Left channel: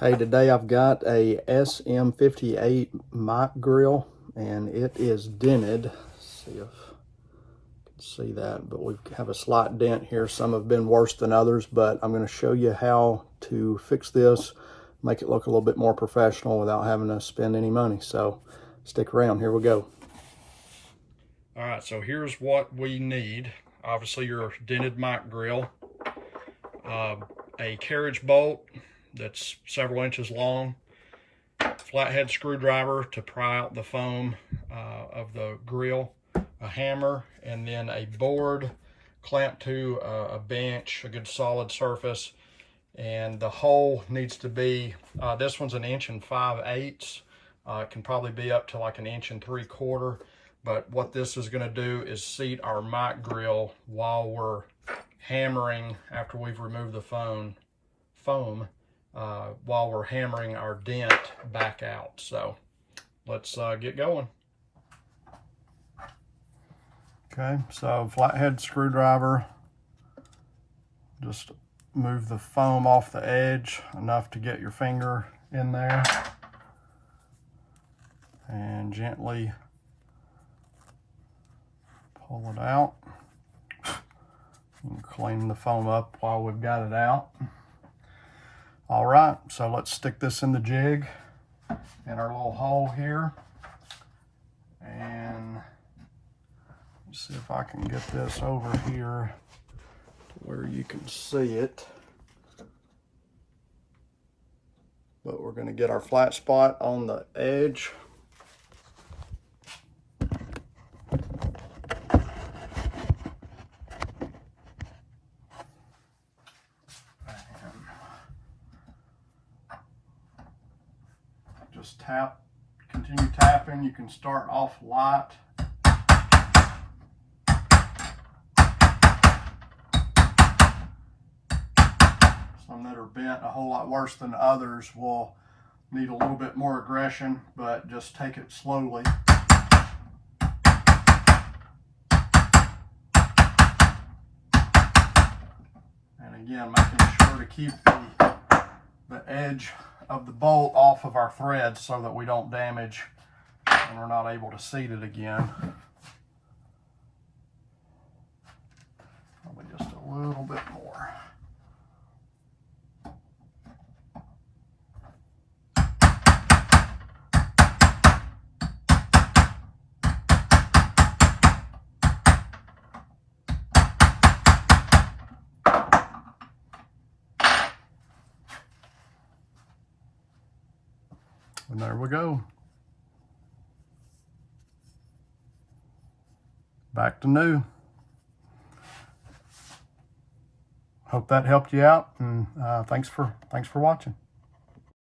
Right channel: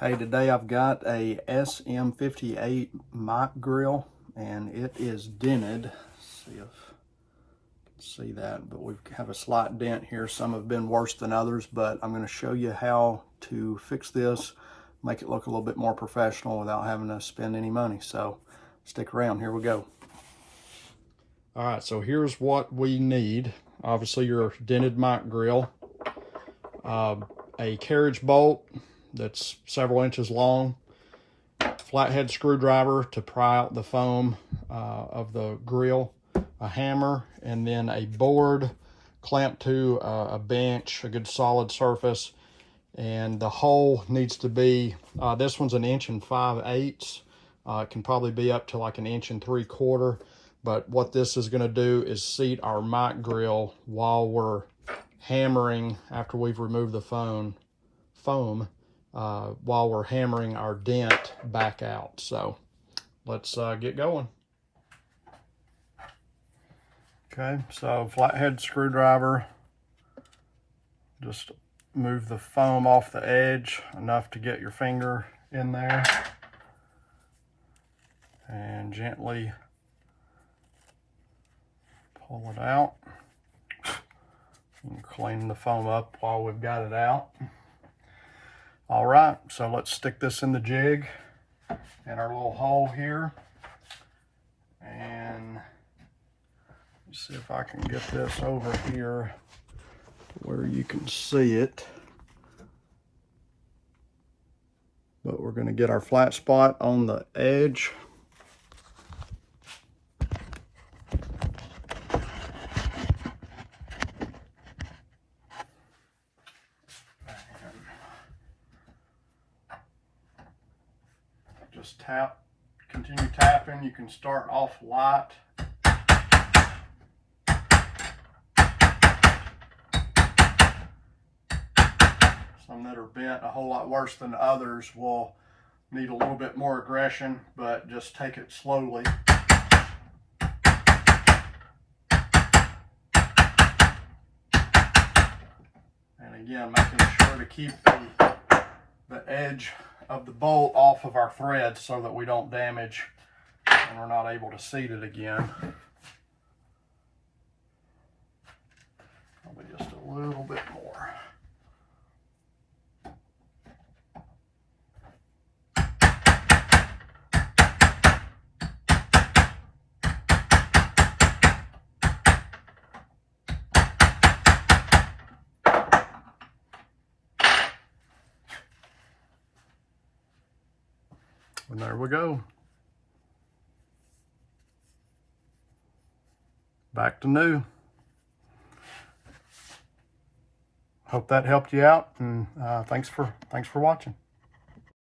Hey, today I've got a SM58 mic grill and it is dented. Let's see if you can see that, but we have a slight dent here. Some have been worse than others, but I'm going to show you how to fix this, make it look a little bit more professional without having to spend any money. So stick around, here we go. All right, so here's what we need. Obviously your dented mic grill, a carriage bolt that's several inches long, flathead screwdriver to pry out the foam of the grill, a hammer, and then a board clamped to a bench, a good solid surface. And the hole needs to be, this one's 1 5/8. It can probably be up to like 1 3/4. But what this is going to do is seat our mic grill while we're hammering, after we've removed the foam, while we're hammering our dent back out. So let's get going. Okay, so flathead screwdriver, just move the foam off the edge enough to get your finger in there and gently pull it out. And clean the foam up while we've got it out. All right, so let's stick this in the jig in our little hole here. And let's see if I can get this over here where you can see it. But we're going to get our flat spot on the edge. Just tap, continue tapping. You can start off light. Some that are bent a whole lot worse than others will need a little bit more aggression, but just take it slowly. And again, making sure to keep the edge of the bolt off of our thread so that we don't damage and we're not able to seat it again. Probably just a little bit more. And there we go. Back to new. Hope that helped you out, and thanks for watching.